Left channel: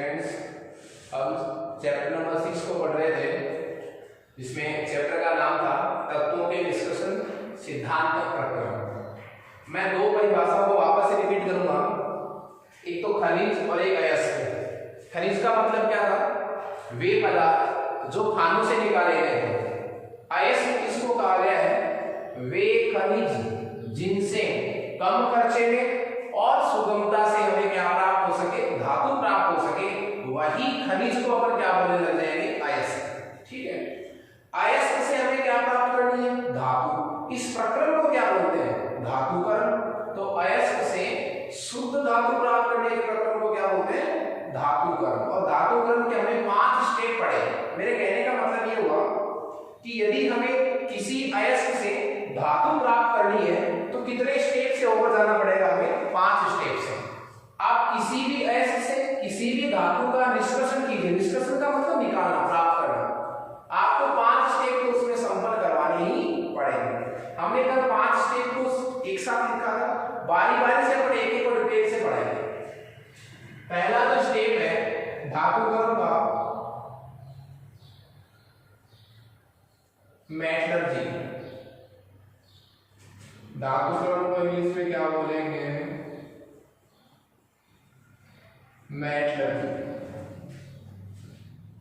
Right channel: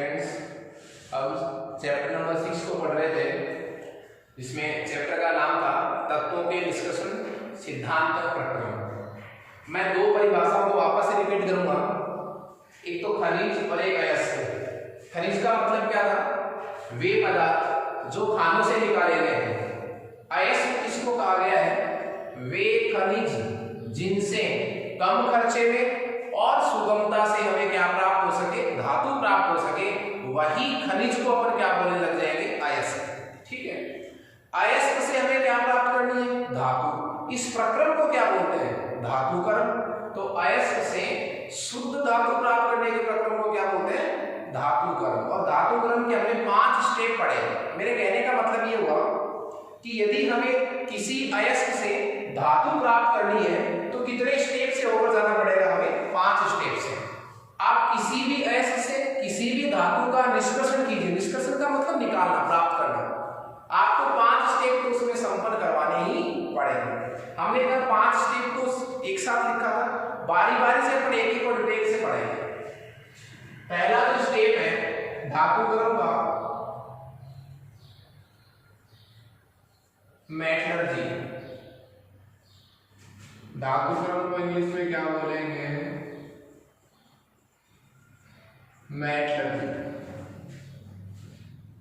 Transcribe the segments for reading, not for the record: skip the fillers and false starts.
Students, अब chapter number 6 को पढ़ रहे थे, जिसमें चैप्टर का नाम था तत्वों के निष्कर्षण सिद्धांत प्रक्रम। मैं दो परिभाषाओं को वापस से रिपीट करूंगा, एक तो खनिज और एक अयस्क। खनिज का मतलब क्या था? वे पदार्थ जो खानों से निकाले गए हैं। अयस्क किसको कहा गया है? वे खनिज जिनसे कम खर्चे में और सुगमता से हमें क्या प्राप्त हो सके, धातु प्राप्त हो सके, वही खनिज को अपन क्या बोलने लग जाएंगे? अयस्क। ठीक है, अयस्क से हमें क्या प्राप्त करनी है? धातु। इस प्रक्रम को क्या बोलते हैं? धातुकर्म। तो अयस्क से शुद्ध धातु प्राप्त करने के प्रक्रम को क्या बोलते हैं? धातुकर्म। और धातुकर्म के हमें 5 स्टेप पड़े। मेरे कहने का मतलब ये हुआ कि यदि हमें किसी अयस्क से धातु प्राप्त करनी है तो कितने स्टेप से होकर जाना पड़ेगा? हमें 5 स्टेप से। आप किसी भी अयस्क से किसी भी धातु का निष्कर्षण कीजिए। निष्कर्षण का मतलब निकालना, प्राप्त करना। आपको 5 स्टेप तो उसमें संपन्न करवाने ही पड़ेंगे। हमने कल 5 स्टेप को एक साथ लिखा था, बारी बारी से अपने एक एक और डिटेल से पढ़ेंगे। पहला जो स्टेप है धातुकर्म का, मेटलर्जी। धातुकर्म को इंग्लिश में क्या बोलेंगे? मेटलर्जी।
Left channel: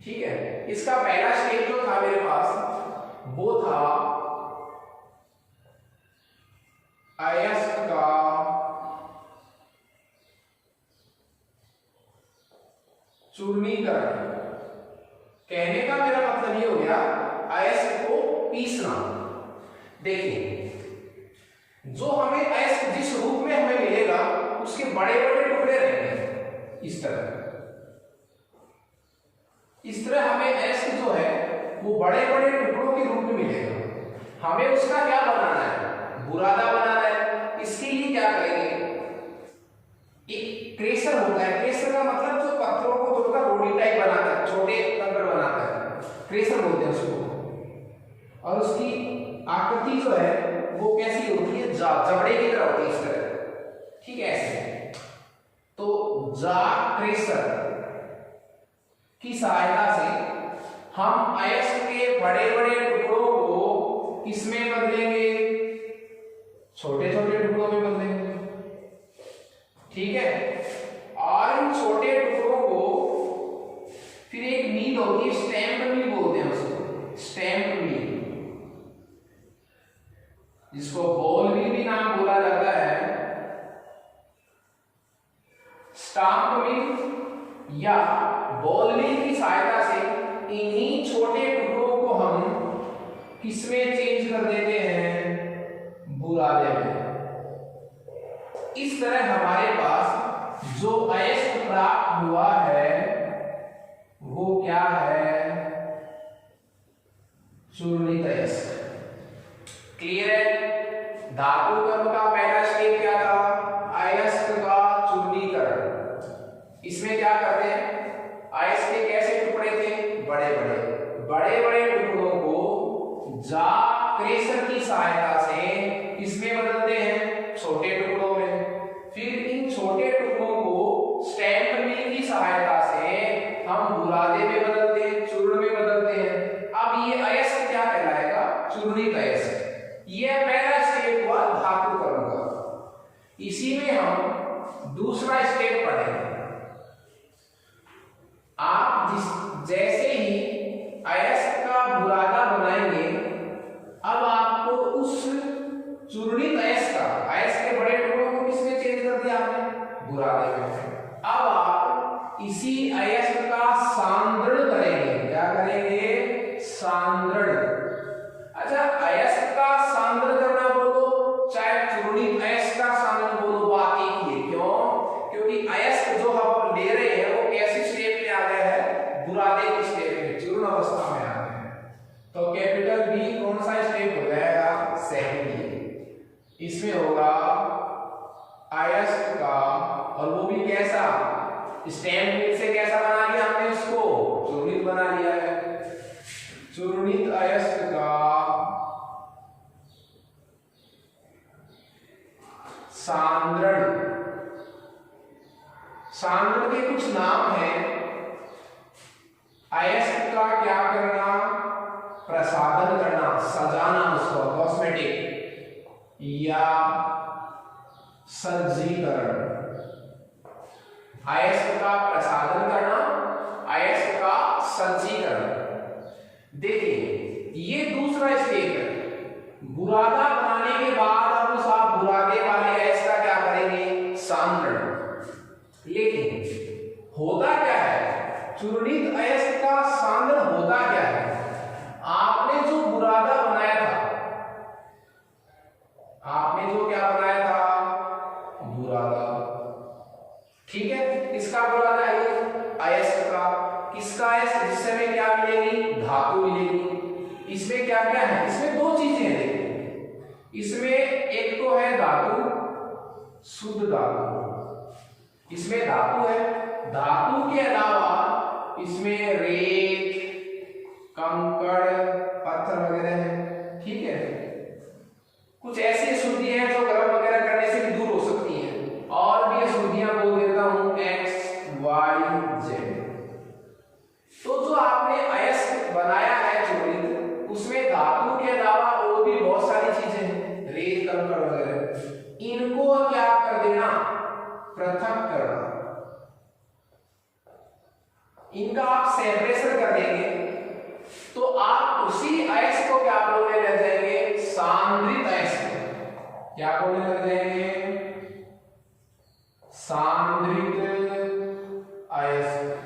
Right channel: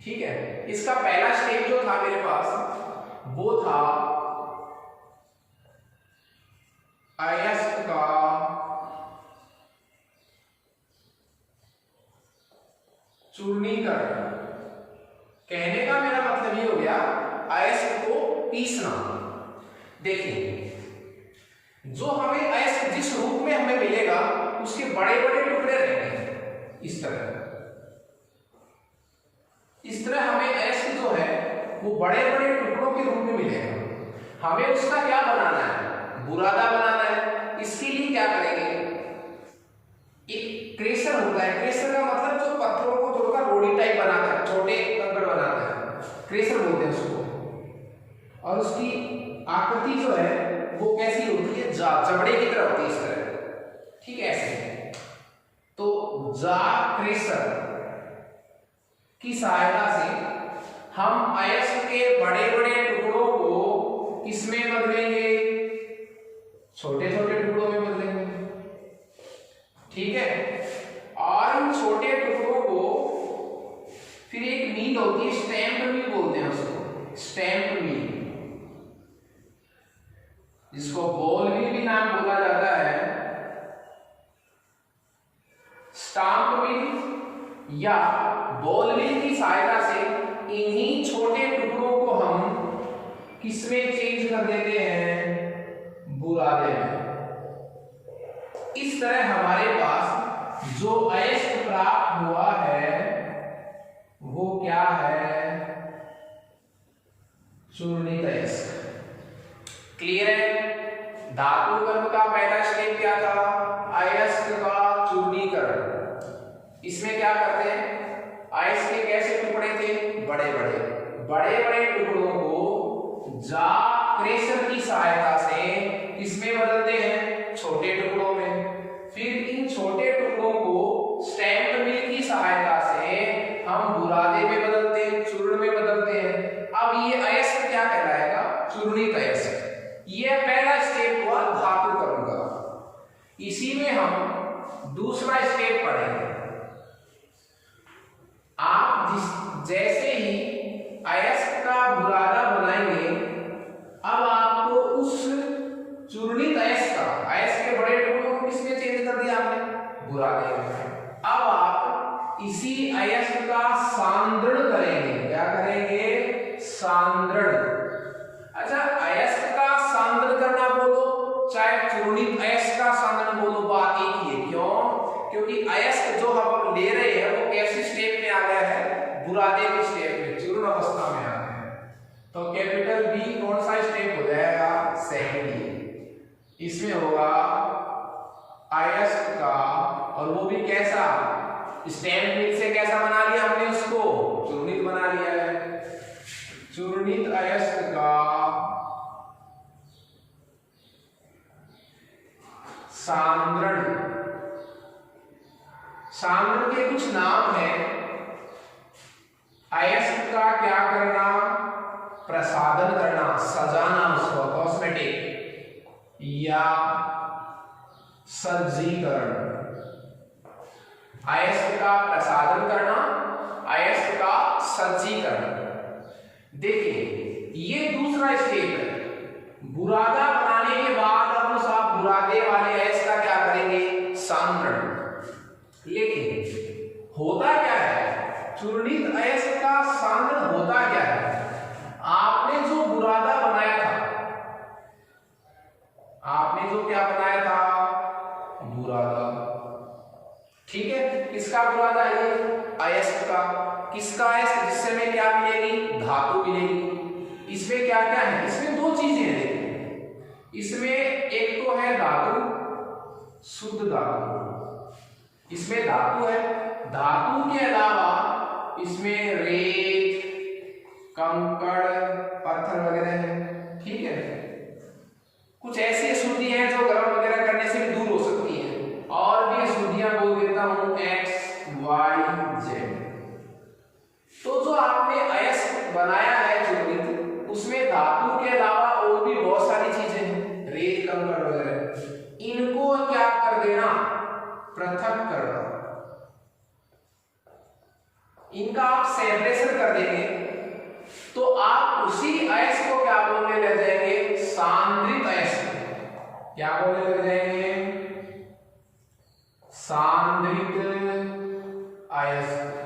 ठीक है, इसका पहला स्टेप जो था मेरे पास वो था अयस्क का चूर्णीकरण। कहने का मेरा मतलब ये हो गया, अयस्क को पीसना। देखिए, जो हमें अयस्क जिस रूप में हमें मिलेगा उसके बड़े बड़े टुकड़े रहेंगे इस तरह। इस तरह हमें अयस्क जो है वो बड़े बड़े टुकड़ों के रूप में मिलेगा। हमें उसका क्या बनाना है? बुरादा बनाना है। इसके लिए क्या करेंगे? एक क्रेशर होता है। क्रेशर का मतलब जो पत्थरों को तोड़कर रोटी टाइप बनाता है, छोटे कंकड़ बनाता है, क्रेशर बोलते हैं उसको। और उसकी आकृति जो है वो कैसी होती है? जबड़े की तरह होती है, इस तरह। ठीक है, ऐसे। तो जा क्रेशर की सहायता से हम अयस्क के बड़े बड़े टुकड़ों को किसमें बदलेंगे? छोटे छोटे टुकड़ों में बदलेंगे। ठीक है, और इन छोटे टुकड़ों को फिर एक मील होती है, स्टैम्प मील बोलते हैं उसको, स्टैम्प मील, जिसको बॉल मील भी नाम बोला जाता है, स्टाम्प मील या बॉल मील की सहायता से इन्हीं छोटे टुकड़ों को हम किसमें चेंज कर देते हैं? बुरादे में। इस तरह हमारे पास जो अयस्क प्राप्त हुआ है वो क्या है? चूर्णित अयस्क। क्लियर है? धातुकर्म का पहला स्टेप क्या था? अयस्क का चूर्णीकरण। इसमें क्या करते हैं? अयस्क के कैसे टुकड़े थे? बड़े बड़े टुकड़ों को जा क्रेशर की सहायता से इसमें बदलते हैं? छोटे टुकड़ों में। फिर इन छोटे टुकड़ों को स्टैम्प मील की सहायता से हम बुरादे में बदलते हैं, चूर्ण में बदलते हैं। अब ये अयस्क क्या कहलाएगा? चूर्णित अयस्क। ये पहला स्टेप हुआ धातुकर्म का। इसी में हम दूसरा स्टेप पढ़ेंगे। आप जैसे ही अयस्क का बुरादा बनाएंगे, अब आपको उस चूर्णित अयस्क का, अयस्क के बड़े टुकड़ों को किसमें चेंज कर दिया आपने? बुरादे में। अब आप इसी अयस्क का सांद्रण करेंगे। क्या करेंगे? सांद्रण। अच्छा, अयस्क का सांद्रण करना बोलो चाहे चूर्णित अयस्क का सांद्रण बोलो, बात एक ही है। क्यों? क्योंकि अयस्क जो हम ले रहे हैं वो कैसी स्टेप में आ गया है? बुरादे की स्टेप में, चूर्ण अवस्था में आ गया है। तो कैपिटल बी कौन सा स्टेप हो जाएगा? सेकेंड। इसमें होगा अयस्क का, और वो भी कैसा? स्टैम्प मील से कैसा बना लिया हमने उसको? चूर्णित बना लिया है। चूर्णित अयस्क का सांद्रण। सांद्रण के कुछ नाम हैं अयस्क का क्या करना, प्रसाधन करना, सजाना, उसको कॉस्मेटिक या सज्जीकरण। अयस्क का प्रसाधन करना, अयस्क का सज्जीकरण। देखिए ये दूसरा स्टेप है। बुरादा बनाने के बाद अब उस आप बुरादे वाले अयस्क का क्या करेंगे, सांद्रण। लेकिन होता क्या है, चूर्णित अयस्क का सांद्रण होता क्या है, आपने जो बुरादा बनाया था, आपने जो क्या बनाया था, बुरादा, ठीक है, किसका बुरादा है ये, अयस्क का। किसका अयस्क, जिससे हमें क्या मिलेगी, धातु मिलेगी। इसमें क्या क्या है, इसमें दो चीजें हैं। इसमें एक तो है धातु, शुद्ध धातु, इसमें धातु है। धातु के अलावा इसमें रेत, कंकड़, पत्थर वगैरह है, ठीक है। कुछ ऐसी अशुद्धियां हैं जो गर्म वगैरह करने से भी दूर हो सकती हैं, और भी अशुद्धियां बोल देता हूं एक्स वाई जेड। तो जो आपने अयस्क बनाया है चूर्णित, उसमें धातु के अलावा और भी बहुत सारी चीजें हैं, रेत, कंकड़ वगैरह, इनको क्या कर देना, पृथक करना। इनका आप सेपरेशन कर देंगे तो आप उसी अयस्क को क्या बोलने लग जाएंगे, सांद्रित अयस्क। क्या बोलने लग जाएंगे, सांद्रित अयस्क।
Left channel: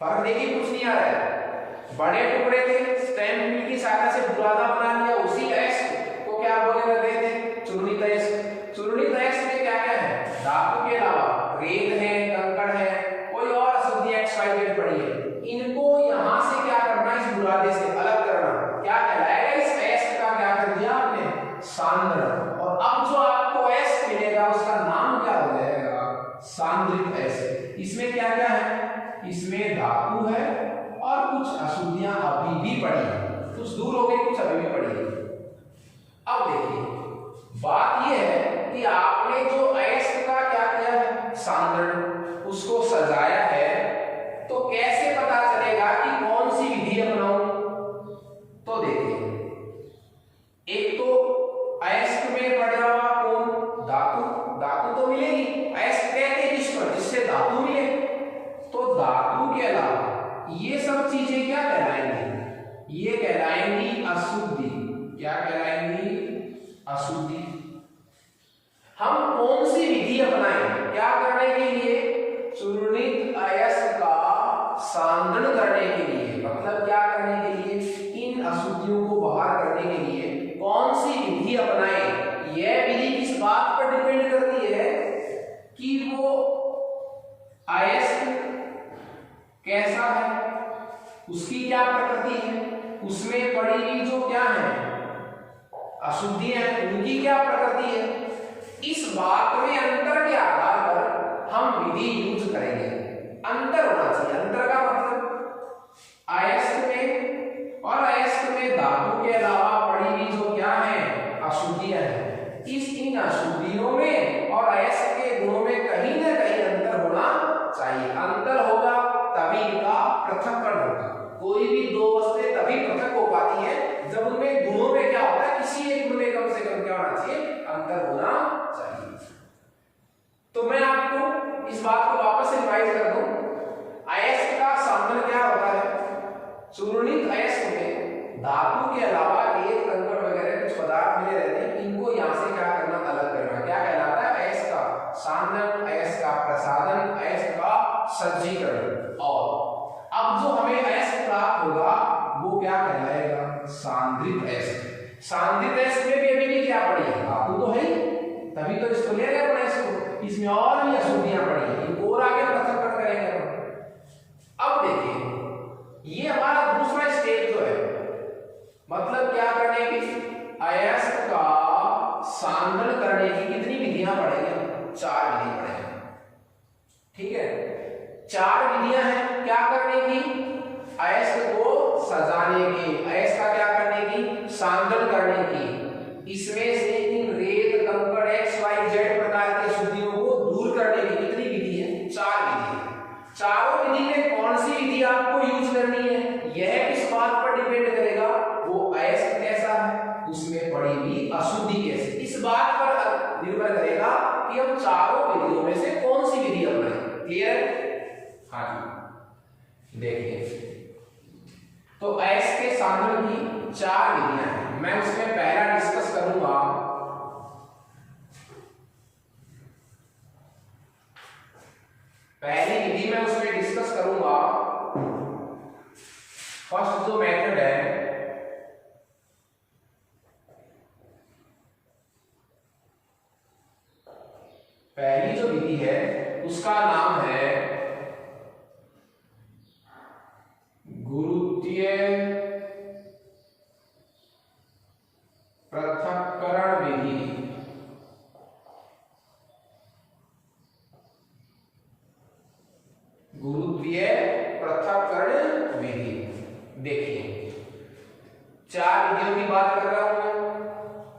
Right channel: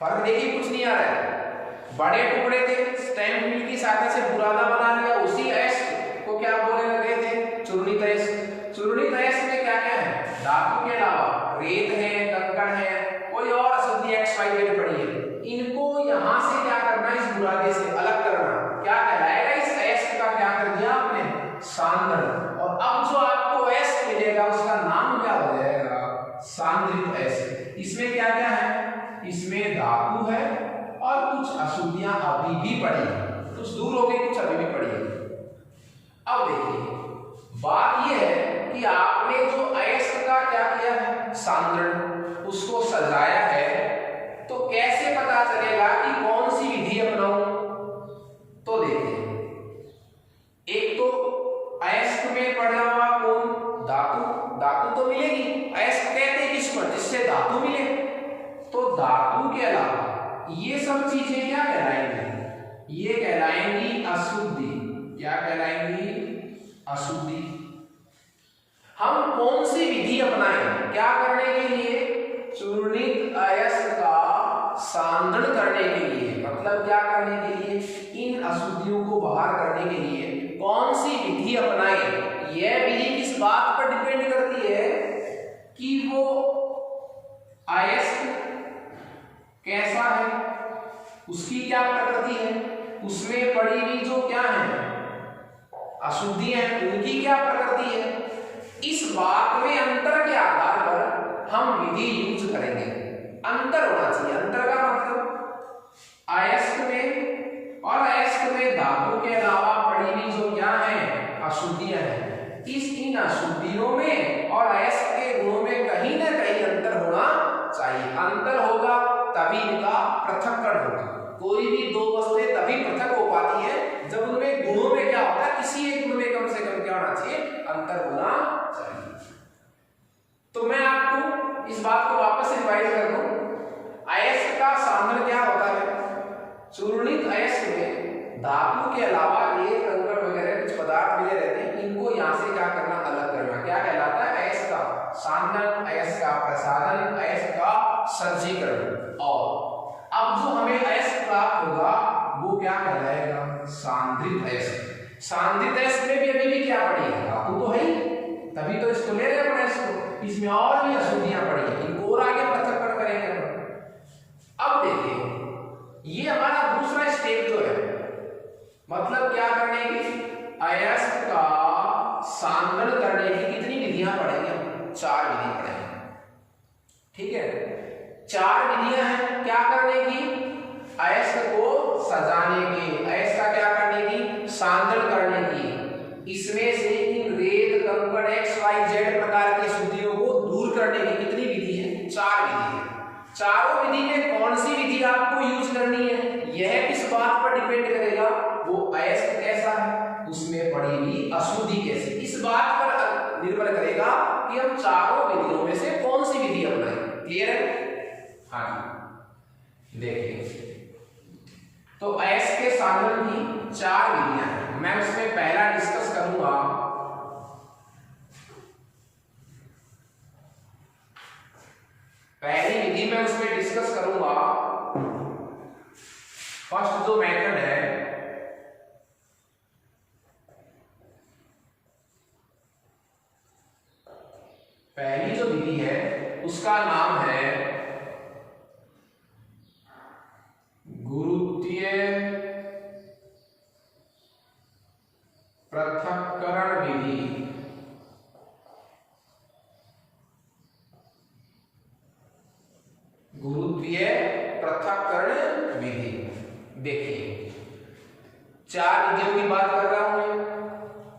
फर्क देखिए, कुछ नहीं आ रहा है। बड़े टुकड़े थे, स्टैम्प मिल की सहायता से बुरादा बना लिया, उसी अयस्क को क्या बोलने लग गए थे, चूर्णित अयस्क। चूर्णित अयस्क में क्या क्या है, धातु के अलावा रेत है, कंकड़ है, कोई और अशुद्धि एक्स वाई जेड पड़ी है, इनको यहां से क्या करना, इस बुरादे से अलग करना। क्या कहलाएगा, इस अयस्क का क्या कर दिया आपने, सांद्रण। और अब जो आपको अयस्क मिलेगा उसका नाम क्या हो जाएगा, सांद्रित अयस्क। इसमें क्या क्या है, इसमें धातु है और कुछ अशुद्धियां अभी भी पड़ी है, कुछ दूर हो गई, कुछ अभी भी पड़ी है। अब देखिए बात यह है कि आपने जो अयस्क का क्या किया है, सांद्रण, उसको सजाया है, तो कैसे पता चलेगा कि कौन सी विधि अपनाऊं। तो देखिए, एक तो अयस्क में पड़ा हुआ कौन, धातु, धातु तो मिलेगी। अयस्क कहते हैं किस पर, जिससे धातु मिले। तो धातु के अलावा ये सब चीजें क्या कहलाएंगी, ये कहलाएंगी अशुद्धि। क्या कहलाएंगी, अशुद्धि। हम कौन सी विधि अपनाएं, क्या करने के लिए, चूर्णित अयस्क का सांद्रण करने के लिए, मतलब क्या करने के लिए, इन अशुद्धियों को बाहर करने के लिए कौन सी विधि अपनाएं। यह विधि किस बात पर डिपेंड करती है कि वो अयस्क कैसा है, उसकी क्या प्रकृति है, उसमें पड़ी हुई जो क्या है अशुद्धियां, उनकी क्या प्रकृति है। इस बात में अंतर के आधार पर हम विधि यूज करेंगे। अंतर होना चाहिए। अंतर का मतलब अयस्क में और अयस्क में धातु के अलावा पड़ी हुई जो क्या है अशुद्धियां हैं, इन अशुद्धियों में और अयस्क के गुणों में कहीं ना कहीं अंतर होना चाहिए। अंतर होगा तभी इनका पृथक्करण होगा। कोई भी दो वस्तुएं तभी पृथक हो पाती है जब उनमें गुणों में क्या होता है, किसी एक गुण में कम से कम क्या होना चाहिए, अंतर होना चाहिए। तो मैं आपको इस बात को वापस रिवाइज कर दूं। अयस्क का सांद्रण क्या होता है, चूर्णित अयस्क में धातु के अलावा रेत, कंकड़ वगैरह कुछ पदार्थ मिले रहते हैं, इनको यहां से क्या करना, अलग करना। क्या कहलाता है, अयस्क का सांद्रण, अयस्क का प्रसाधन, अयस्क का सज्जीकरण। और अब जो हमें अयस्क प्राप्त होगा वो क्या कहलाएगा, सांद्रित अयस्क। सांद्रित अयस्क में भी अभी भी क्या पड़ी है, धातु तो है ही, तभी तो इसको ले रहे हैं इसको। इसमें और भी अशुद्धियां पड़ी है, इनको और आगे पृथक्करण करेंगे। अब देखिए ये हमारा दूसरा स्टेप जो है, मतलब क्या करने की, अयस्क का सांद्रण करने की कितनी विधियां पढ़ेंगे, 4 विधि पढ़ेंगे। ठीक है, 4 विधियां हैं क्या करने की, अयस्क को सजाने की, अयस्क का क्या करने की, सांद्रण करने की। इसमें से इन रेत, कंकड़, एक्स वाई जेड प्रकार की अशुद्धियों को दूर करने की कितनी विधि है, 4 विधि है। चारों विधि में कौन सी विधि आपको यूज करनी है यह किस बात पर डिपेंड करेगा, वो अयस्क कैसा है, उसमें पड़ी हुई अशुद्धि कैसी, इस बात पर निर्भर करेगा कि हम चारों विधियों में से कौन सी विधि अपनाएं। क्लियर है? हाँ देखिए, तो अयस्क के सांद्रण की 4 विधियां हैं, मैं उसमें पहला डिस्कस करूंगा पहली विधि में उसमें डिस्कस करूंगा फर्स्ट जो मेथड है पहली जो विधि है उसका नाम है गुरुत्वीय पृथक्करण विधि। गुरुत्वीय पृथक्करण विधि। देखिए 4 विधियों की बात कर रहा हूं मैं।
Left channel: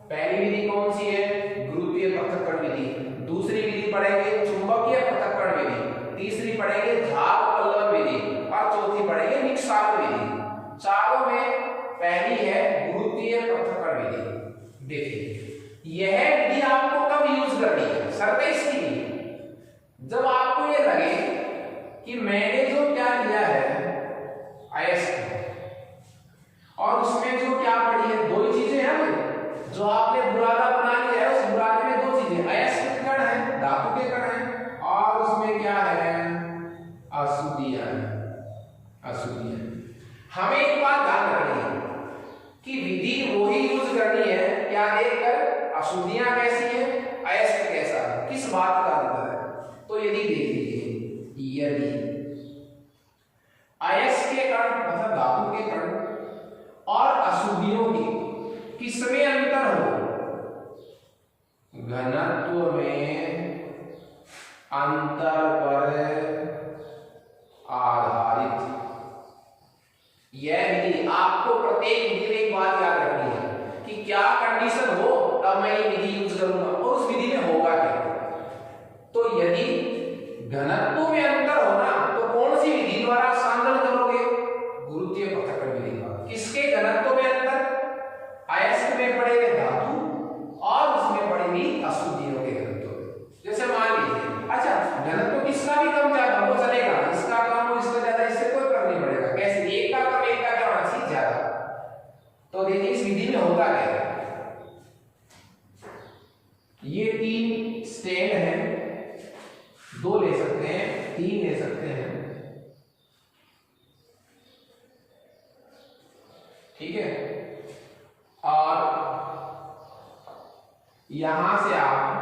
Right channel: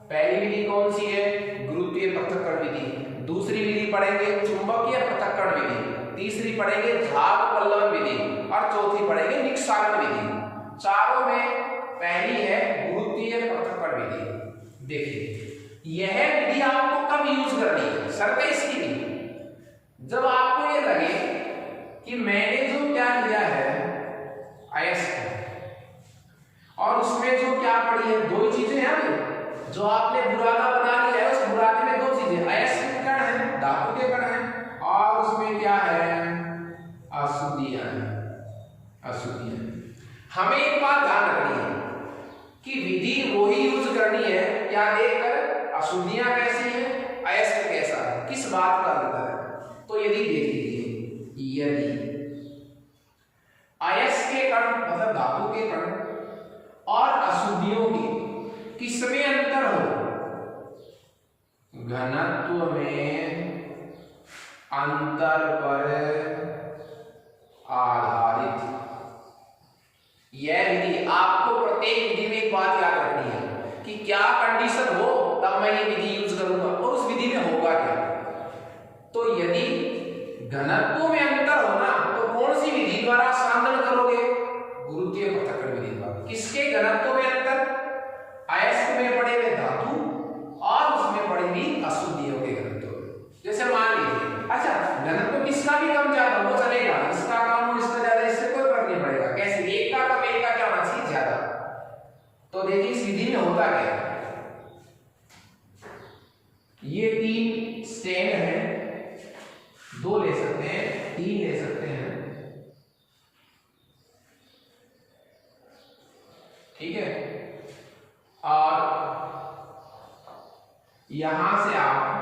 पहली विधि कौन सी है? गुरुत्वीय पृथक्करण विधि। दूसरी विधि पढ़ेंगे चुंबकीय पृथक्करण विधि, तीसरी पढ़ेंगे झाग पल्लवन विधि और चौथी पढ़ेंगे निष्कासन विधि। चारों में पहली है गुरुत्वीय पृथक्करण विधि। देखिए यह विधि आपको कब यूज करनी है, शर्त इसकी नहीं, जब आपको ये लगे कि मैंने जो क्या लिया है अयस्क और उसमें जो क्या पड़ी है, 2 ही चीजें हैं जो आपने बुरादा बना लिया है, उस बुरादे में 2 चीजें अयस्क कण है, धातु के कण है और उसमें क्या है अशुद्धियां। हमें एक बात ध्यान रखनी है कि विधि वो ही यूज करनी है क्या देखकर अशुद्धियां कैसी है, अयस्क कैसा है, किस बात का अंतर है। तो यदि देख लीजिए, यदि अयस्क के कण मतलब धातु के कण और अशुद्धियों के किसमें अंतर हो, घनत्व में अंतर पर आधारित। यह विधि आपको प्रत्येक विधि में एक बात याद रखनी है कि क्या कंडीशन हो तब मैं ये विधि यूज करूंगा और उस विधि में होगा क्या। तो यदि घनत्व में अंतर होना तो कौन सी विधि द्वारा सांद्रण करोगे, गुरुत्वीय पृथक्करण विधि द्वारा। किसके घनत्व में अंतर, अयस्क में पड़ेगा धातु और उसमें पड़ेगी अशुद्धियों के घनत्व। जैसे मान लीजिए अच्छा घनत्व किसका भी कम ज्यादा वो चलेगा, इसका कम हो इसका ज्यादा, इससे कोई फर्क नहीं पड़ेगा। कैसे, एक का कम एक का क्या होना चाहिए ज्यादा। तो देखिए इस विधि में होता क्या है, ये 3 स्टैंड है, 2 ले सकते हैं 3 ले सकते हैं, ठीक है। और यहां से आप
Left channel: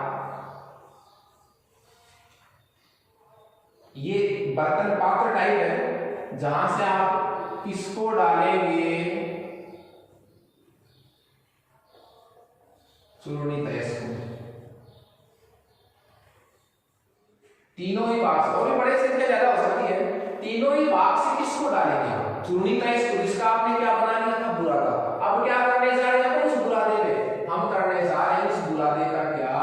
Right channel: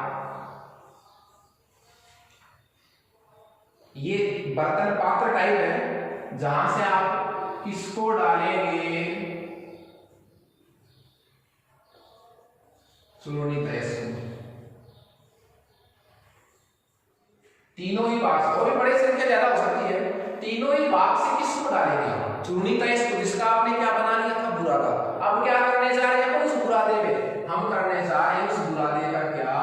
ये बर्तन पात्र टाइप है जहां से आप किसको डालेंगे, चूर्णित अयस्क में। तीनों ही भाग से, और भी बड़े संख्या ज्यादा हो सकती है, तीनों ही भाग से किसको डालेंगे, चूर्णित अयस्क, जिसका आपने क्या बना लिया था बुरादा। अब क्या करने जा रहे हैं उस बुरादे में, हम करने जा रहे हैं उस बुरादे का क्या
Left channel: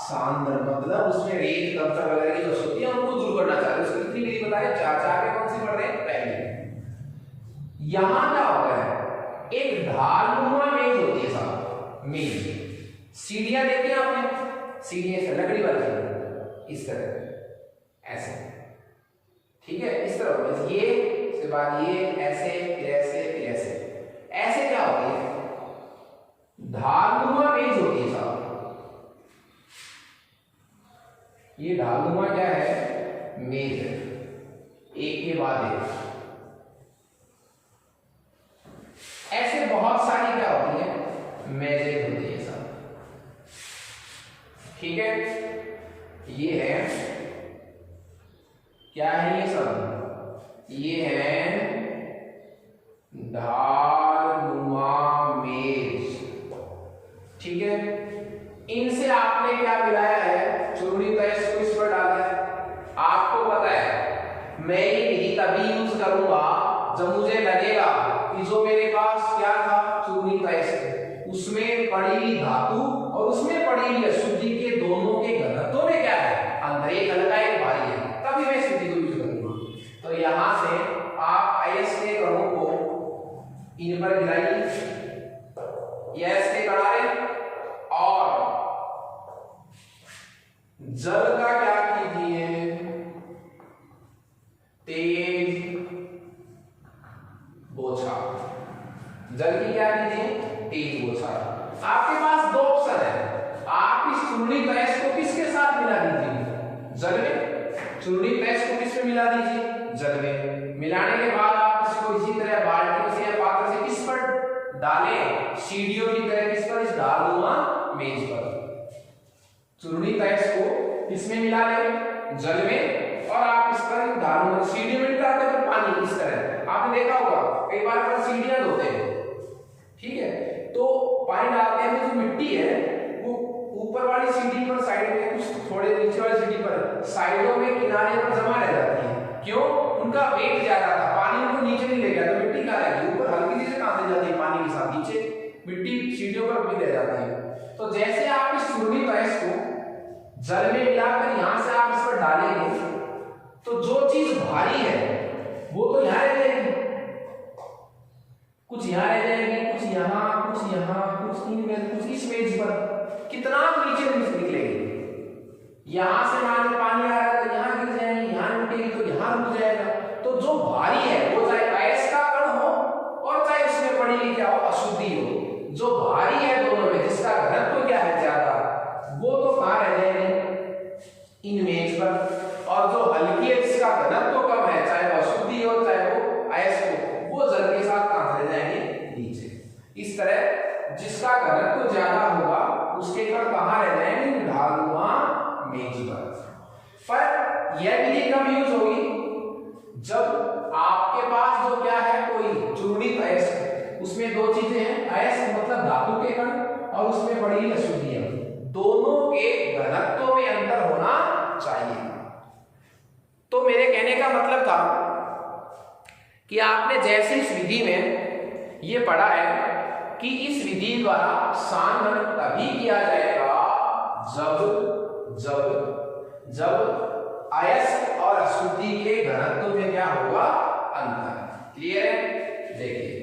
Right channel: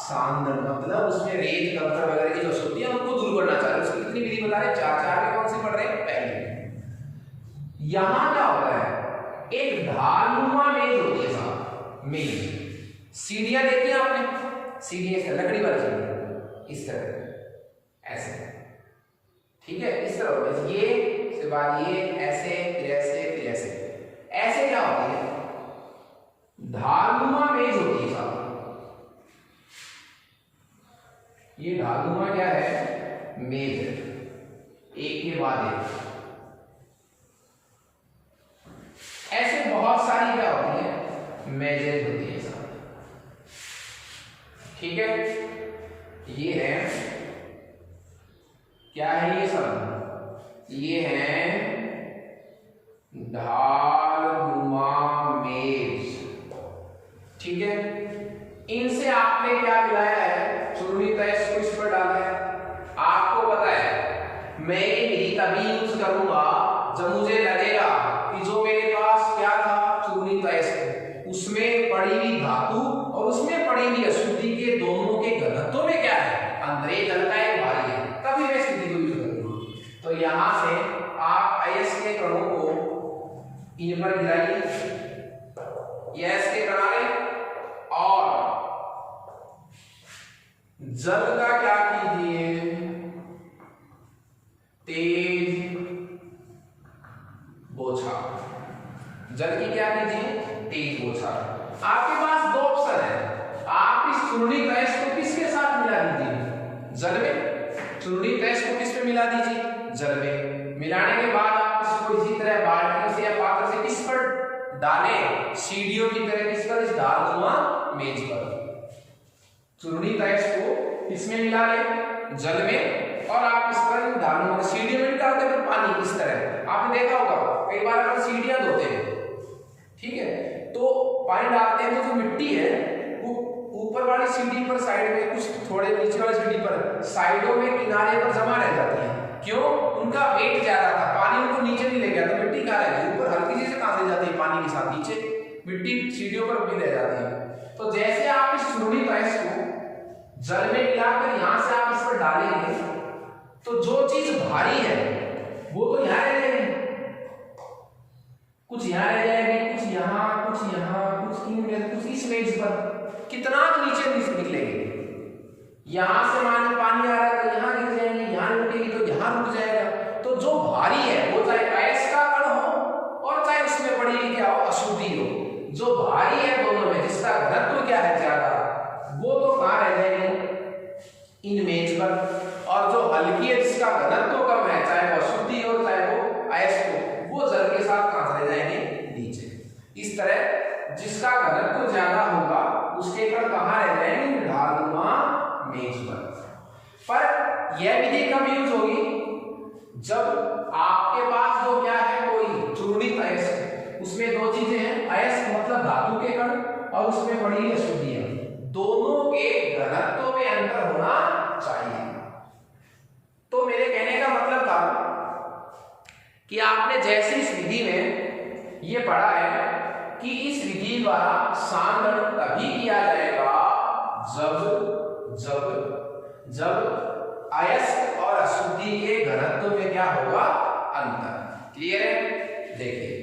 सांद्रण, मतलब उसमें रेत कंकड़ वगैरह की जो अशुद्धि है उनको दूर करना चाह रहे हैं। उसकी कितनी विधि बता रहे हैं, 4 में कौन सी पढ़ रहे हैं, पहली। यहां क्या होता है, एक ढालनुमा मेज होती है साहब, मेज। सीढ़ियां देखी आपने, सीढ़ियां से लकड़ी वाली इस तरह ऐसे, ठीक है, इस तरह ये उसके बाद ये ऐसे फिर ऐसे फिर ऐसे, ऐसे क्या होती है ढालनुमा मेज होती है साहब। ये ढालनुमा क्या है, मेज है, एक के बाद एक। ऐसे बहुत सारी क्या होती है मेजें होती है साहब, ठीक है। ये है क्या है, ये सब ये है ढालनुमा मेज, ठीक है। इनसे आपने क्या मिलाया है, चूर्णित अयस्क को इस पर डाला है। आपको पता है मैं ये विधि तभी यूज करूंगा जब मुझे लगेगा कि जो मेरे पास क्या था चूर्णित अयस्क, उसमें पड़ी हुई धातु और उसमें पड़ी हुई अशुद्धि के दोनों के घनत्व में क्या है अंतर, एक हल्का एक भारी है, तभी मैं इस विधि को यूज करूंगा। यहां से आप अयस्क के कणों को इन पर गिराइए, अयस्क के किनारे, और जल का क्या कीजिए, तेज बौछार, जल की क्या कीजिए, तेज बौछार। आपके पास दो ऑप्शन है, आप इस चूर्णित अयस्क को किसके साथ मिला दीजिए, जल में, चूर्णित अयस्क को किस में मिला दीजिए, जल में। मिलाने के बाद आप इसको इसी तरह बाल्टियों से या पात्र से किस पर डालें, सीढ़ियों की तरह किस पर, इस ढालनुमा मेज पर। चूर्णित अयस्क को किसमें मिला लें, जल में, और आप इस पर ढालनुमा सीढ़ियों में डालते हैं पानी इस तरह। आपने देखा होगा कई बार अपन सीढ़ियां धोते हैं, ठीक है, तो पानी डालते हैं तो जो मिट्टी है वो ऊपर वाली सीढ़ी पर साइड में, कुछ थोड़े नीचे वाली सीढ़ी पर साइडों में किनारे पर जमा रह जाती है। क्यों, उनका वेट ज्यादा था, पानी उनको नीचे नहीं ले गया, तो मिट्टी कहाँ रह गई, ऊपर हल्की सी कहां से जाती है, पानी के साथ नीचे मिट्टी सीढ़ियों पर भी रह जाती है। तो जैसे आप इस चूर्णित अयस्क को जल में मिलाकर यहां से आप इस पर डालेंगे, तो जो चीज भारी है वो तो यहां रह जाएगी, कुछ यहां रह जाएगी, कुछ यहां, कुछ यहां, कुछ इनमें, कुछ इस मेज पर, कितना नीचे निकलेगी। यहां से मान पानी आ रहा है तो यहां गिर जाएंगे, यहां रुकेगी तो यहां रुक जाएगा। तो जो भारी है वो चाहे अयस्क का कण हो और चाहे उसमें पड़ी क्या हो, अशुद्धि हो, जो भारी है दोनों में, जिसका घनत्व क्या है ज्यादा, वो तो कहां रह जाएगी, इन मेज पर। और जो हल्की है जिसका घनत्व कम है, चाहे वो अशुद्धि हो चाहे वो अयस्क हो, वो जल के साथ कहां रह जाएंगे, नीचे। इस तरह जिसका घनत्व ज्यादा होगा उसके पर कहां रह जाएंगे, ढालनुमा मेज पर यह विधि कब यूज होगी, जब आपके पास जो क्या है, कोई चूर्णित अयस्क, उसमें दो चीजें हैं, अयस्क मतलब धातु के कण और उसमें बड़ी अशुद्धियां, दोनों के घनत्व में अंतर होना चाहिए। तो मेरे कहने का मतलब था कि आपने जैसे इस विधि में ये पढ़ा है कि इस विधि द्वारा सांद्रण तभी किया जाएगा जब अयस्क और अशुद्धि के घनत्व में क्या होगा, अंतर। क्लियर है, देखिए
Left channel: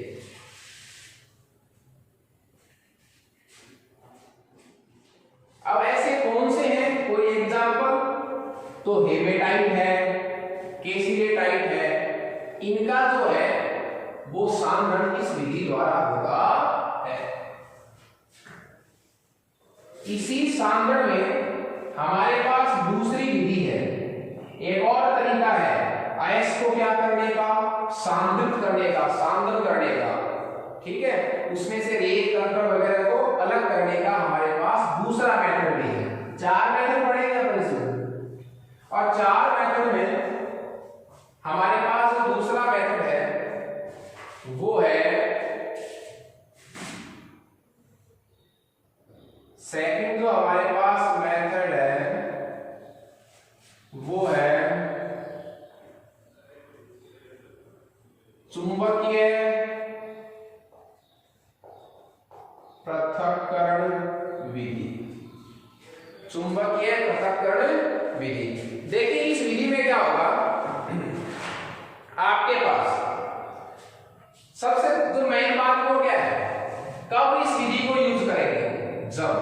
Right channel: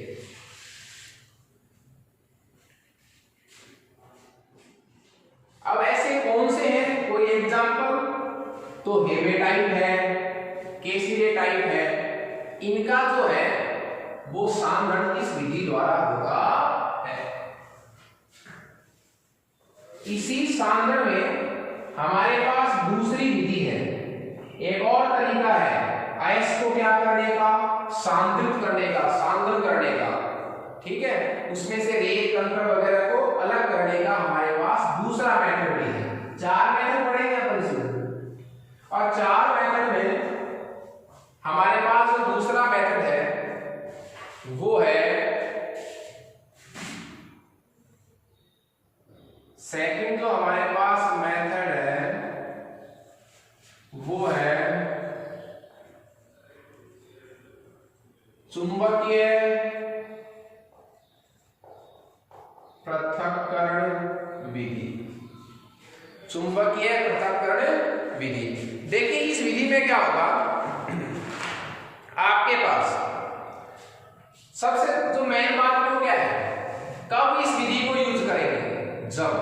अब ऐसे कौन से हैं, कोई एग्जांपल, तो हेमेटाइट है, केसिलेटाइट है, इनका जो है वो सांद्रण इस विधि द्वारा होगा है। इसी सांद्रण में हमारे पास दूसरी विधि है, एक और तरीका है अयस्क को क्या करने का, सांद्रित करने का, सांद्रण करने का, ठीक है, उसमें से रेत कंकड़ वगैरह को अलग करने का हमारे पास दूसरा मेथड भी है। 4 मेथड पढ़ेंगे अपन इसमें, और 4 मेथड में हमारे पास जो दूसरा मेथड है वो है सेकंड, जो हमारे पास मेथड है वो है चुंबकीय पृथक्करण विधि। चुंबकीय पृथक्करण विधि, देखिए इस विधि में क्या होगा, आपके पास सबसे जो मेन बात वो क्या है, कब इस विधि को यूज करेंगे, जब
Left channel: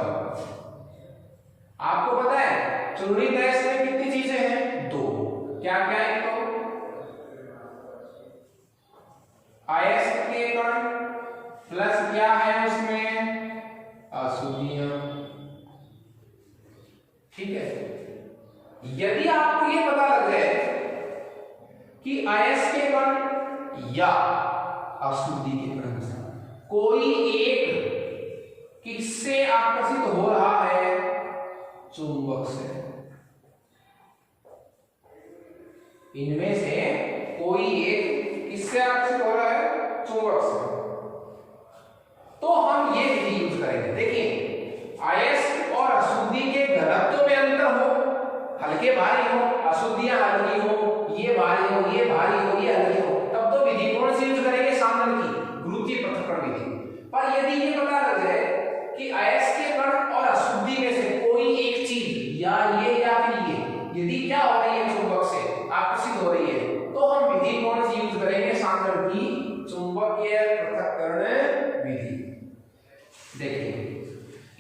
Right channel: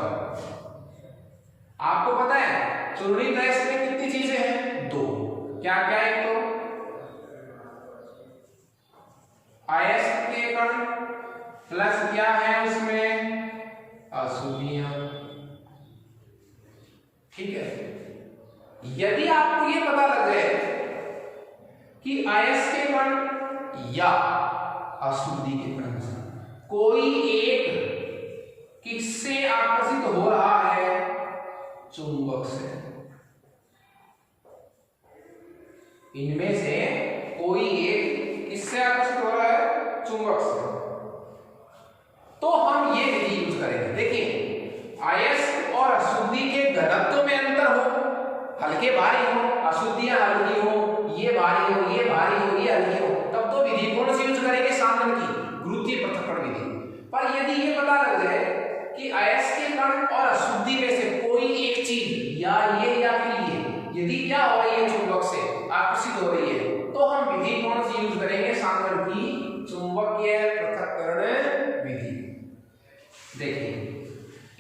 आपको पता है चूर्णित अयस्क में कितनी चीजें हैं, 2, क्या क्या है, तो अयस्क के कण प्लस क्या है उसमें, अशुद्धियां, ठीक है। यदि आपको ये पता लग जाए कि अयस्क के कण या अशुद्धि के कण कोई एक किससे आकर्षित हो रहा है, चुंबक से, इनमें से कोई एक किससे आकर्षित हो रहा है, चुंबक से, तो हम ये विधि यूज करेंगे। देखिए अयस्क और अशुद्धि के घनत्व में अंतर हो, हल्के भारी हो, अशुद्धियां हल्की हो, ये भारी हो, ये भारी हो, ये हल्की हो, तब तो विधि कौन सी यूज करेंगे, सांद्रण की, गुरुत्वीय पृथक्करण विधि। पर यदि ये पता लग जाए कि अयस्क के कण और अशुद्धि में से कोई एक चीज या ये या फिर ये, यदि क्या हो रही है, चुंबक से आकर्षित हो रही है, तो हम विधि की चुंबकीय पृथक्करण विधि। देखिए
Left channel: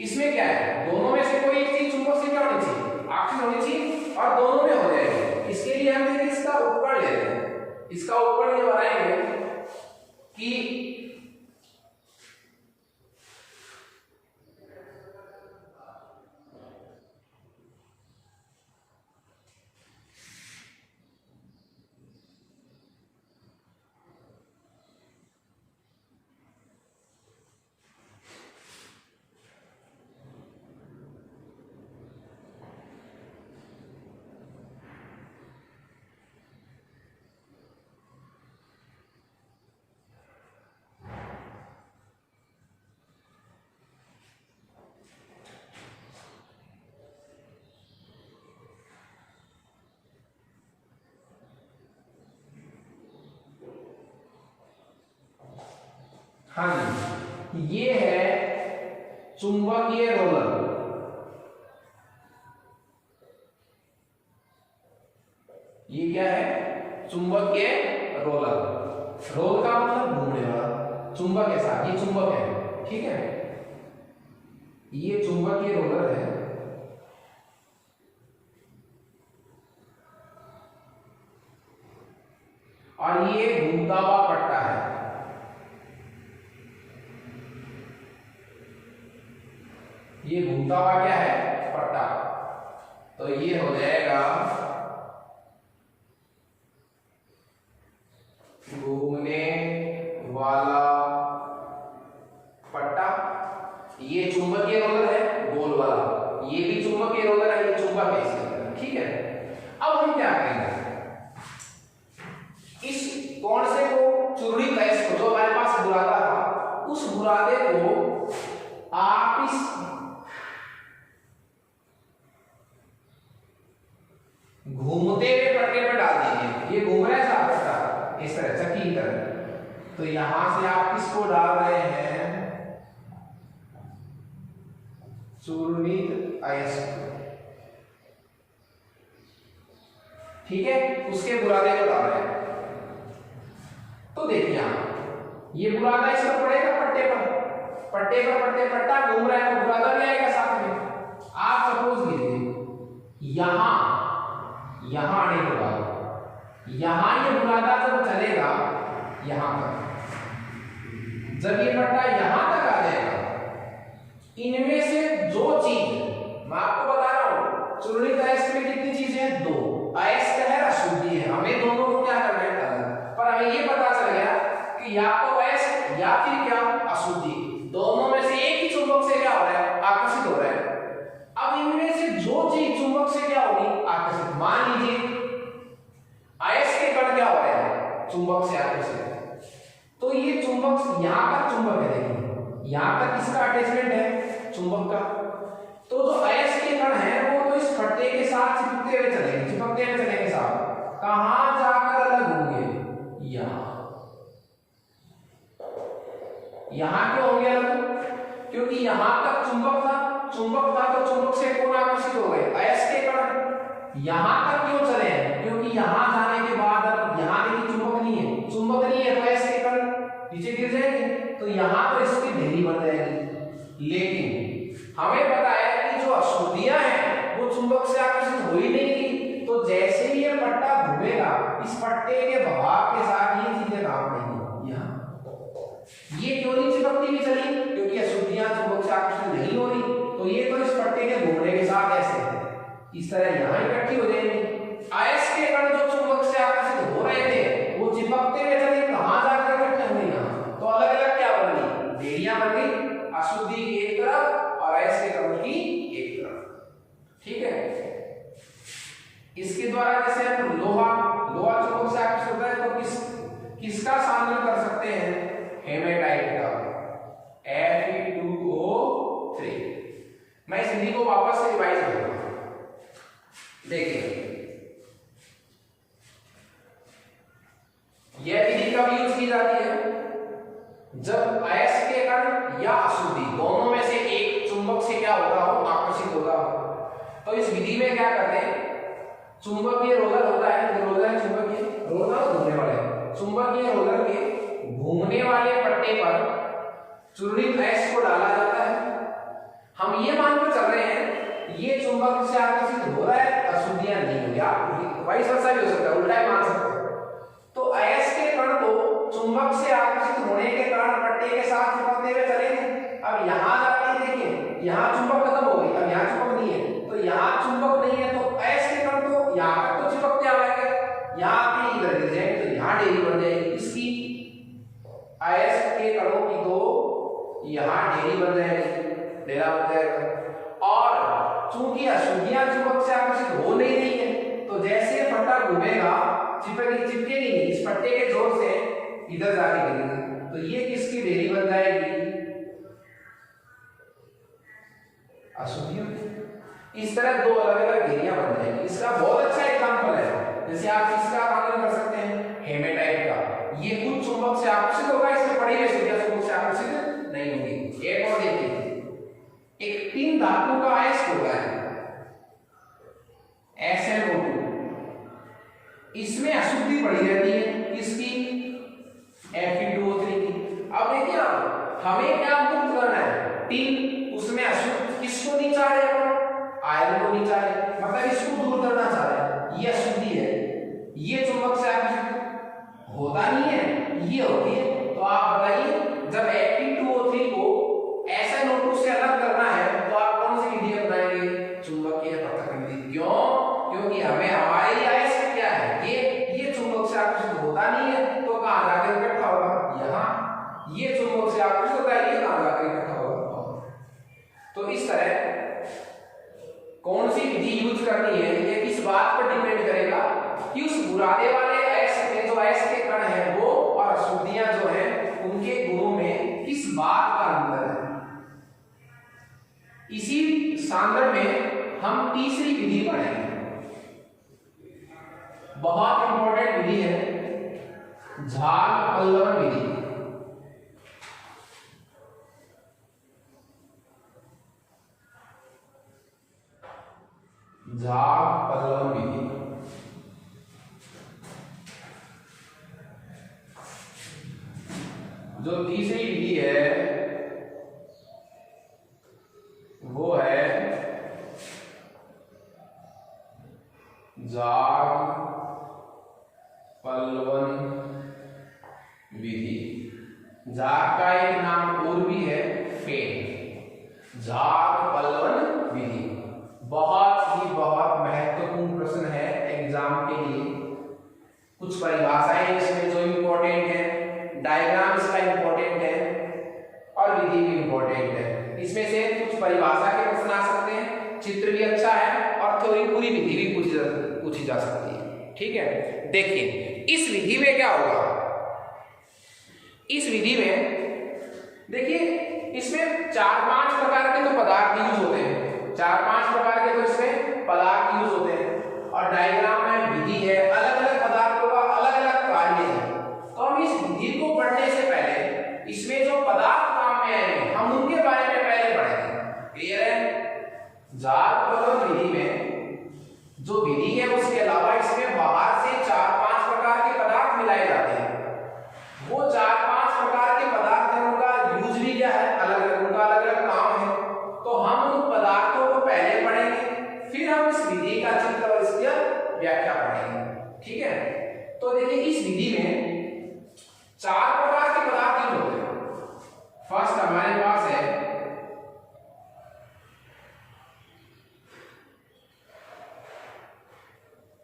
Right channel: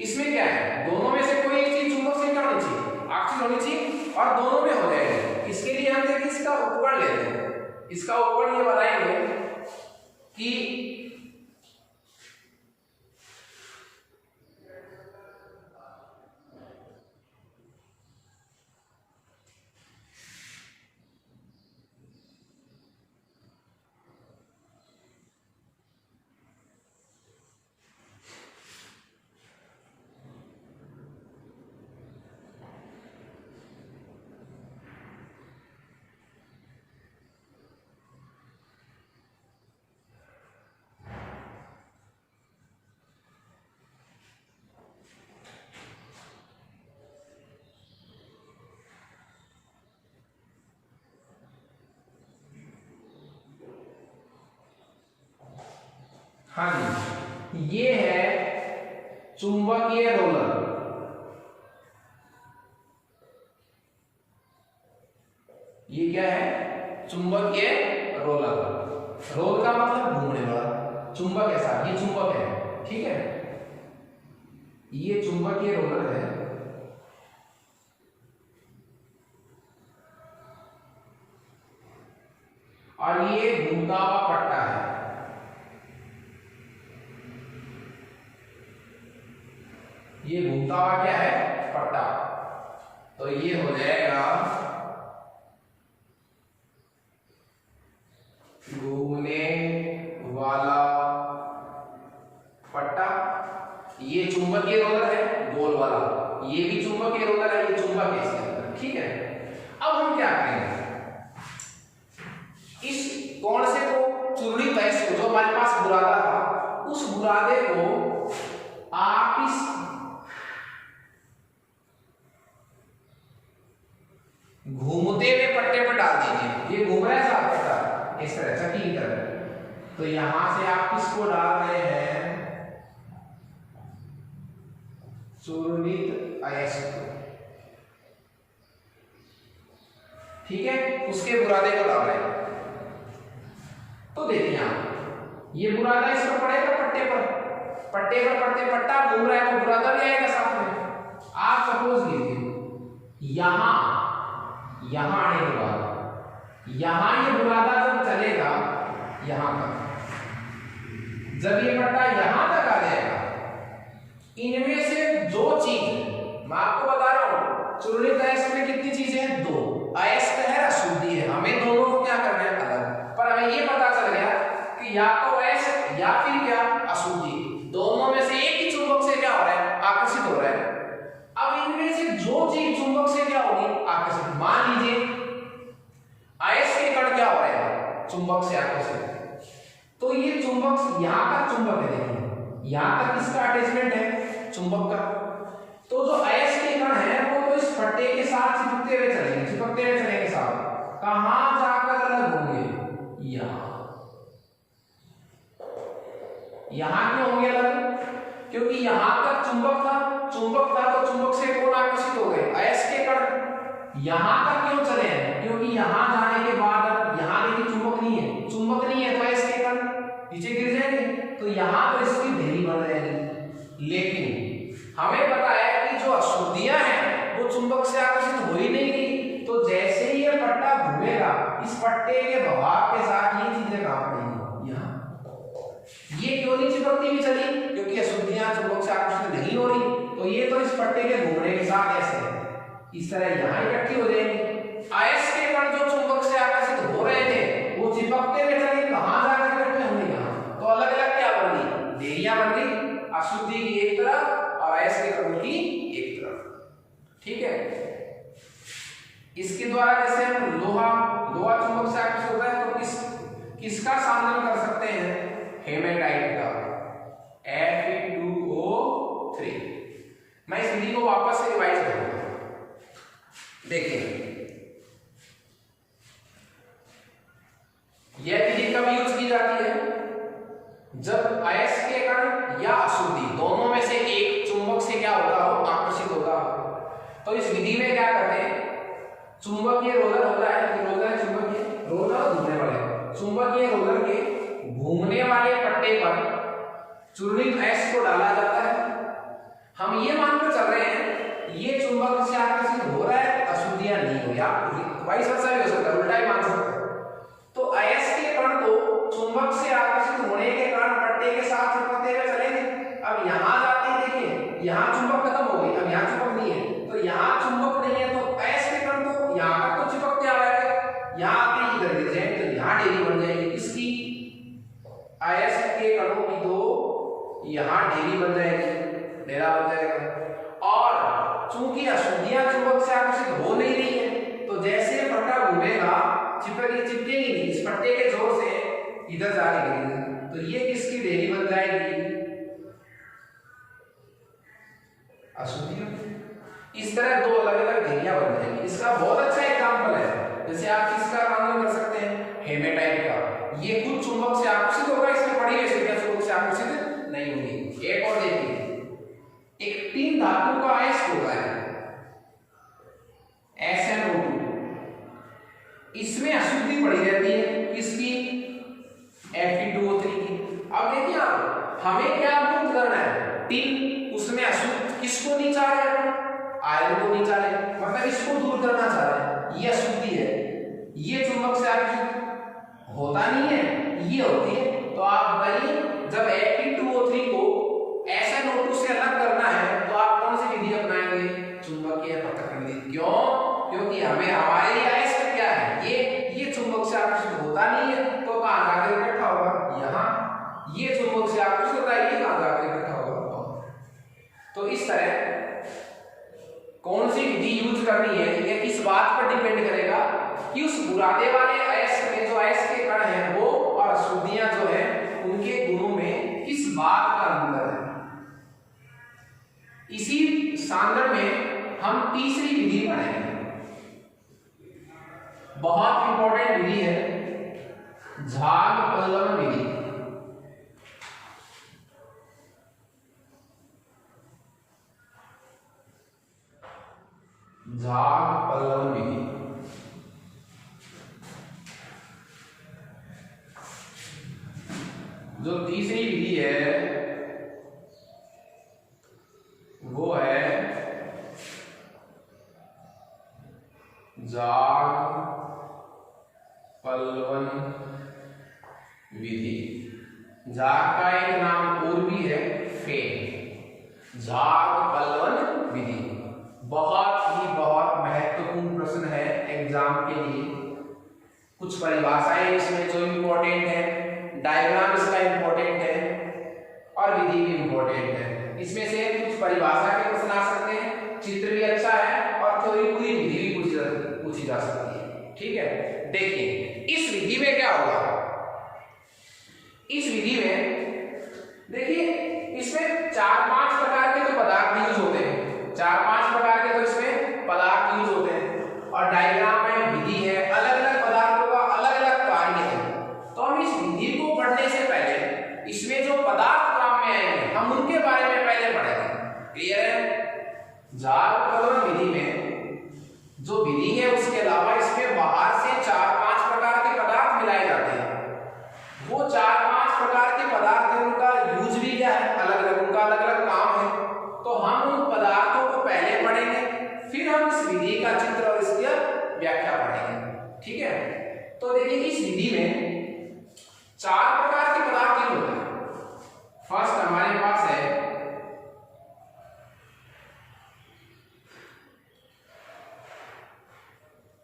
इसमें क्या है, दोनों में से कोई एक चीज चुंबक से क्या होनी चाहिए, आकर्षित होनी चाहिए, और दोनों में हो जाएगी। इसके लिए हम देखिए इसका उपकरण लेते हैं। इसका उपकरण ये बनाएंगे कि हाँ जी, ये है चुंबकीय रोलर। ये क्या है, चुंबकीय रोलर। रोल का मतलब घूमने वाला, चुंबक के साथ, ये चुंबक है, ठीक है, ये चुंबकीय रोलर है। और ये घूमता हुआ पट्टा है। ये घूमता हुआ क्या है, पट्टा। तो ये हो जाएगा घूमने वाला पट्टा। ये चुंबकीय रोलर है गोल वाला, ये भी चुंबकीय रोलर है, ये चुंबक है, ठीक है। अब हम क्या करेंगे, इस कोण से को चुरुड़ी तैस को जो हमारे पास बुरादा था, उस बुरादे को आप इस घूमते हुए पट्टे पर डाल दीजिए। ये घूम रहा है साफ पट्टा इस तरह चक्की की तरह। तो यहां से आप किसको डाल रहे हैं, चूर्णित अयस्क, ठीक है, उसके बुरादे को डाल रहे हैं। तो देखिए आप, ये बुरादा इस पर पड़ेगा पट्टे पर, पट्टे पर पट्टे पट्टा घूम रहा है तो बुरादा भी आएगा साथ में। आप सपोज कीजिए यहां आने के बाद यहां ये बुरादा जब चलेगा यहां तक, जब ये पट्टा यहां तक आ जाएगा, इनमें से जो चीज मैं आपको बता रहा हूं, चूर्णित अयस्क में कितनी चीजें हैं, दो, अयस्क है अशुद्धि है। हमें दोनों को क्या करना है, अलग। पर हमें ये पता चल गया कि या तो अयस्क या फिर क्या, अशुद्धि, दोनों में से एक ही चुंबक से क्या हो रहा है, आकर्षित हो रहा है। अब इनमें से जो चीज चुंबक से क्या होगी, आकर्षित। मान लीजिए अयस्क के कण क्या हो रहे हैं, चुंबक से आकर्षित, तो ये चुंबक यहां तक चुंबक है, देखिए यहां तक इसका अटैचमेंट है चुंबक का। तो जो अयस्क के कण है वो तो इस पट्टे के साथ चिपकते हुए चलेंगे साथ। कहां जाकर अलग होंगे, यहां क्यों होंगे अलग, क्योंकि यहां तक चुंबक था तो चुंबक से कौन आकर्षित हो गए, अयस्क के कण। यहां तक क्यों चले हैं, क्योंकि यहां जाने के बाद यहां देखिए चुंबक नहीं है तो अयस्क के कण नीचे गिर जाएंगे, तो यहां तो इसकी ढेरी बन जाएगी। लेकिन हमें पता है कि जो अशुद्धियां हैं वो चुंबक से आकर्षित हो ही नहीं की, तो जैसे ही ये पट्टा घूमेगा इस पट्टे के बहाव के साथ ये चीजें काम करेंगी। यहाँ ये क्यों नहीं चिपकती हुई चली, क्योंकि अशुद्धियां चुंबक से आकर्षित नहीं हो रही, तो ये तो इस पट्टे के घूमने के साथ ऐसे इस तरह यहाँ इकट्ठी हो जाएंगी। अयस्क के कण जो चुंबक से आकर्षित हो रहे थे वो चिपकते हुए चले, कहां जाकर इकट्ठे होंगे, यहाँ तो अलग अलग क्या बन गई, ढेरियां बन गई, अशुद्धि की एक तरफ और अयस्क के कण की एक तरफ, ठीक है। इसके द्वारा जैसे हम लोहा चुंबक से आकर्षित होता है तो किसका सामना कर सकते हैं, हेमेटाइट का, Fe2O3। मैं इस विधि को वापस से रिवाइज करूंगा। देखिए यह विधि कब यूज की जाती है, जब अयस्क के कण या अशुद्धि दोनों में से एक चुंबक से क्या होगा, हो आकर्षित होगा। तो इस विधि में क्या करते हैं, चुंबकीय रोलर होता है, रोलर चुंबकीय रोलर घूमने वाले चुंबकीय रोलर के चूर्णित S को डाला जाता है। हम ये मानकर चल रहे हैं ये चुंबक से आकर्षित हो रहा है, अशुद्धियां नहीं हो, या वाइस वर्सा भी हो सकता है, उल्टा ही मान सकते हैं। तो अयस्क के कण को चुंबक से आकर्षित होने के कारण पट्टे के साथ चिपकते हुए चलेंगे। अब यहाँ जाते हैं, देखिए यहाँ चुंबक खत्म हो गई, अब यहाँ चुंबक नहीं है, तो यहाँ चुंबक नहीं है तो अयस्क के कण तो यहाँ तक तो चिपकते आ जाएगा, यहाँ आके इधर गिर जाएंगे तो यहाँ ढेरी बन जाएगी। इसकी अयस्क के कणों की तो यहाँ ढेरी बन जाएगी, ढेरा बन जाएगा। और चूंकि अशुद्धियां चुंबक से आकर्षित हो नहीं रही है तो जैसे पट्टा घूमेगा चिपकेगी नहीं, इस पट्टे के जोर से इधर जाके गिरेगी, तो ये किसकी ढेरी बन जाएगी, अशुद्धियों। इस तरह दो अलग अलग ढेरियां बन जाएंगी। इसका बहुत अच्छा एग्जांपल है, जैसे आप किसका कानून कर सकते हैं, हेमेटाइट का। ये खुद चुंबक से आकर्षित होगा, इसमें पड़ी हुई अशुद्धियां चुंबक से आकर्षित नहीं होंगी। एक और देखिए, एक तीन धातु का अयस्क होता है SnO2, इसमें अशुद्धि पड़ी रहती है किसकी, Fe2O3 की। अब देखिए आप, हमें क्या मुक्त करना है, टिन, उसमें अशुद्ध किसको नहीं चाह रहे, आयरन को नहीं चाह रहे, मतलब इसको दूर करना चाह रहे हैं। ये अशुद्धि है, ये चुंबक से आकर्षित होता नहीं है, ये होती है। तो आप बताइए, जब Fe2O3 को SnO2 से अलग करना है तो आप कौन सी विधि अपनाएंगे, चुंबकीय पृथक विधि। क्यों, क्योंकि हमें हमारे अयस्क क्या है, ये चुंबक से आकर्षित होता नहीं है, तो कहां जाकर इकट्ठा होगा, यहाँ। ये चुंबक से आकर्षित होता है, ये कहां जाकर इकट्ठा होगा। तो इस तरह कौन सी विधि यूज करनी है ये इस बात पर डिपेंड करेगा कि उस बुरादे वाले अयस्क में जो अयस्क के कण है वो और अशुद्धियां जो है उनके गुणों में किस बात का अंतर है। इसी सांदर्भ में हम तीसरी विधि पढ़ेंगे, बहुत इंपॉर्टेंट विधि है, झाग पल्लवन विधि। झाग पल्लवन विधि जो तीसरी विधि है वो है झाग पल्लवन विधि। झाग का एक नाम और भी है फेन। झाग पल्लवन विधि बहुत महत्वपूर्ण प्रश्न है एग्जाम के लिए। कुछ परिभाषाएं इसमें जो इंपॉर्टेंट है, डायग्राम इसका इंपॉर्टेंट है और विधि भी इंपॉर्टेंट है। इसमें से कुछ परिभाषा के प्रश्न आ सकते हैं, चित्र भी अच्छा है और थ्योरी पूरी विधि भी पूछी जा सकती है। ठीक है, देखिए इस विधि में क्या होगा, इस विधि में देखिए इसमें 4-5 प्रकार के तो पदार्थ यूज होते हैं, 4-5 प्रकार के तो इसमें पदार्थ यूज होते हैं और डायग्राम में विधि है, अलग अलग पदार्थों का अलग अलग कार्य है। तो हम इस विधि को पढ़ने से पहले इसमें जो पदार्थ काम में आएंगे हम उनके बारे में पहले पढ़ेंगे। क्लियर है। झाग पल्लवन विधि में जो विधि है उसके अलावा इसमें बाहर से 4-5 प्रकार के पदार्थ मिलाए जाते हैं। वो 4-5 प्रकार के पदार्थ हैं, उनका यूज भी क्या है, अलग अलग, उनका अलग अलग काम है। तो हम उन पदार्थों को पहले पढ़ेंगे, फिर हम इस विधि का चित्र और इसकी व्याख्या पढ़ेंगे। ठीक है, तो देखिए इस विधि में 4 प्रकार के पदार्थ यूज होते हैं। फर्स्ट हमारे पास है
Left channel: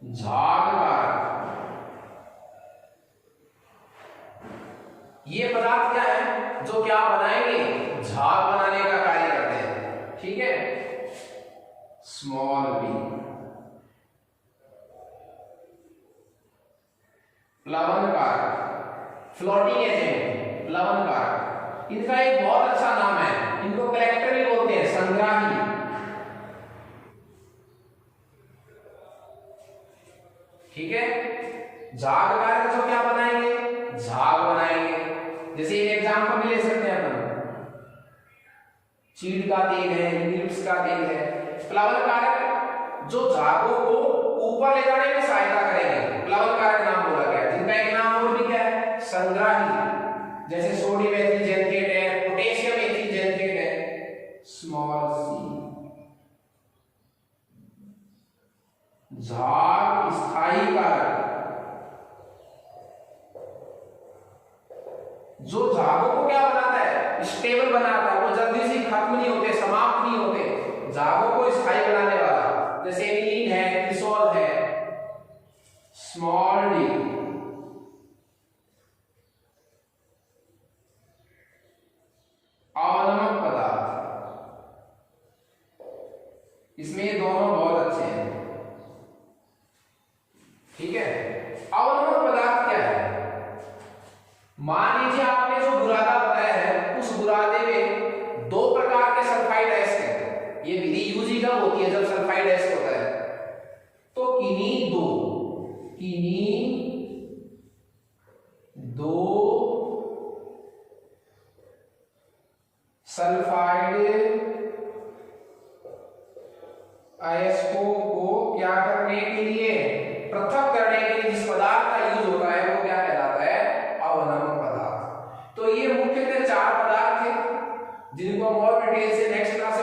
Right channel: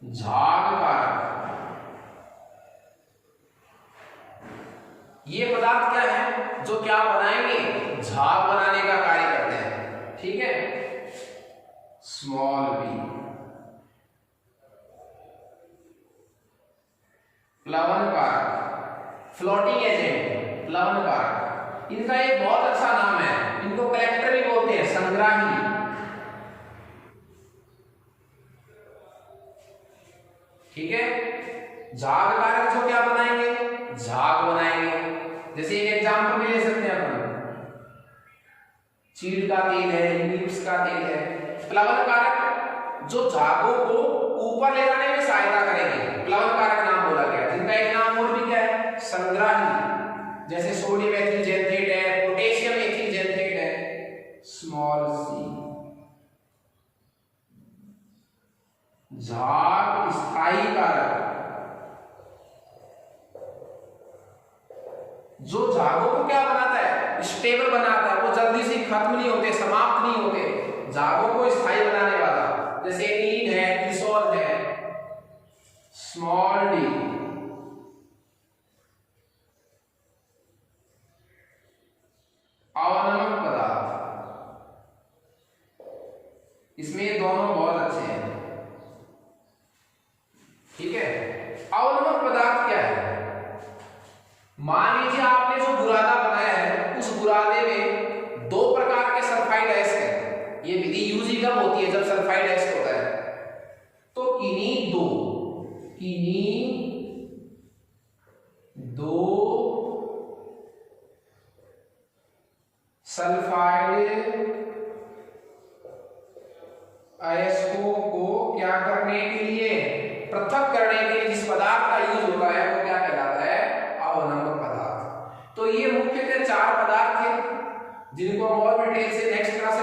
झाग कारक। ये पदार्थ क्या है, जो क्या बनाएंगे, झाग बनाने का कार्य करते हैं। ठीक है, स्मॉल बी। प्लवन कारक, फ्लोटिंग एजेंट, प्लवन कारक। इनका एक बहुत अच्छा नाम है, इनको कलेक्टर भी बोलते हैं, संग्राही। ठीक है, झाग कारक जो क्या बनाएंगे, झाग बनाएंगे। जैसे एक एग्जांपल भी ले सकते हैं अपन, चीड़ का तेल है, यूलिप्स का तेल है। प्लवन कारक जो झागों को ऊपर ले जाने में सहायता करेंगे, प्लवन कारक नाम बोला गया है। जिनका एक नाम और भी क्या है, संग्राही। जैसे सोडियम एथिल जेनथेट है, पोटेशियम जो जागों को क्या बनाता है, स्टेबल बनाता है, वो जल्दी से खत्म नहीं होते, समाप्त नहीं होते, जागों को स्थायी बनाने वाला, जैसे एनिलीन है, क्रिसोल है, स्मॉल डी। अवनमक पदार्थ, इसमें ये दोनों बहुत अच्छे हैं, ठीक है। अवनमक पदार्थ क्या है? मान लीजिए आपने जो बुरादा बनाया है, उस बुरादे में दो प्रकार के सल्फाइड एसिड है। ये विधि यूज ही कब होती है, जब सल्फाइड एसिड होता है। तो किन्हीं दो सल्फाइड अयस्कों को क्या करने के लिए, पृथक करने के लिए जिस पदार्थ का यूज होता है वो क्या कहलाता है, अवनमक पदार्थ। तो ये मुख्यतः चार पदार्थ हैं जिनको हम और डिटेल से नेक्स्ट क्लास से